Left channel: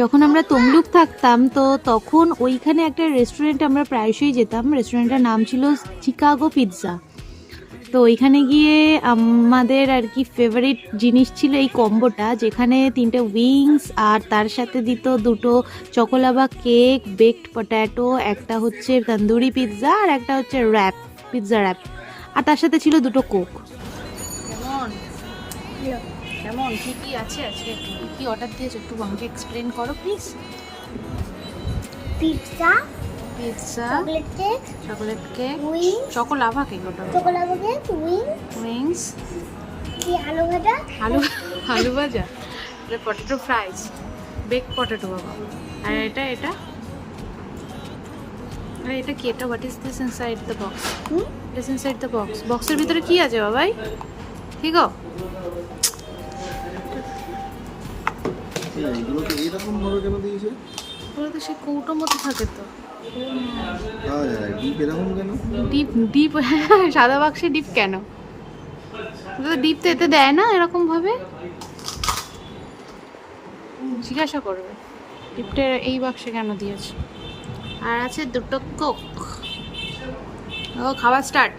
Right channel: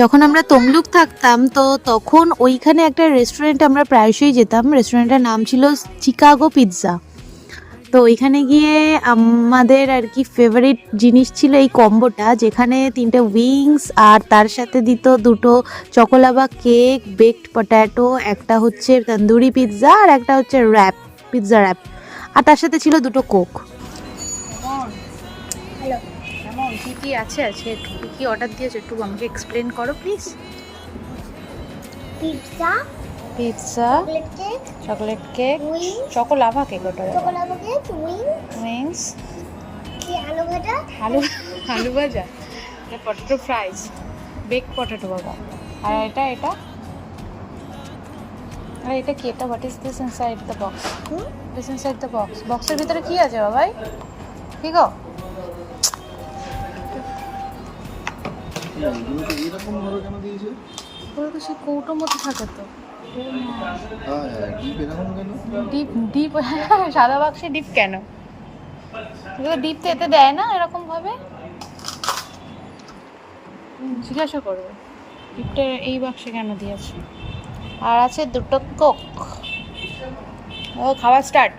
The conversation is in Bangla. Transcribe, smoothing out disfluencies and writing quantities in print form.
যখন আমরা তমলুক থাকতাম তো তখন ওইখানে একটা রেস্টুরেন্ট আমরা প্রায়শই যেতাম। রেস্টুরেন্টের নাম ছিল চিকাগো পিৎজা। তো ওইখানে গিয়ে আমাদের আর কি ফেভারিট জিনিস ছিল এই কম্বোটা, যেখানে 3টে উইংস আর তার সাথে দিত 2টো চকোলাভা কেক, বেকড পট্যাটো, একটা হচ্ছে তন্দুরি পিৎজা আর একটা হচ্ছে পিৎজা র্যাপ, আর তার সাথে ছিল 2টো কোক। কেমন হ্যালো। কেমন কি কি আছে আজকে, কি কি অর্ডার দিয়েছো একটু আমাকে এক্সপ্লেন করো please. Pizza, pizza, chocolate cake, chocolate cake, wing, choco lava cake, ওটা চকোলাভা কেক, উইংস, কি আলু ভাজা, আলু আলু ভাজা, এটা পটেটো ফ্রাইস, বেক পটেটো বাবা। আর এটা এটা আর এটা কি, এটা what is this inside the box? This inside the box, বক্সের ভিতরে কি আছে বাবাই? ঠিক গো, এরকম ভাবে কেন দিয়েছে? ওগুলো তো সেই কৌটো মতো থাকে তো। ডিপ এরকম কেন? ডিপ ডিপ সাদা বাক্সে ডিপ কেন? ডিপ তো এতে দেয় না এরকম ভাবে, জিজ্ঞাসা করবো ডিপটা এই বাক্সে কেন দিয়েছে। আর আছে 2টো কোক। ও খাওয়া স্টার্ট।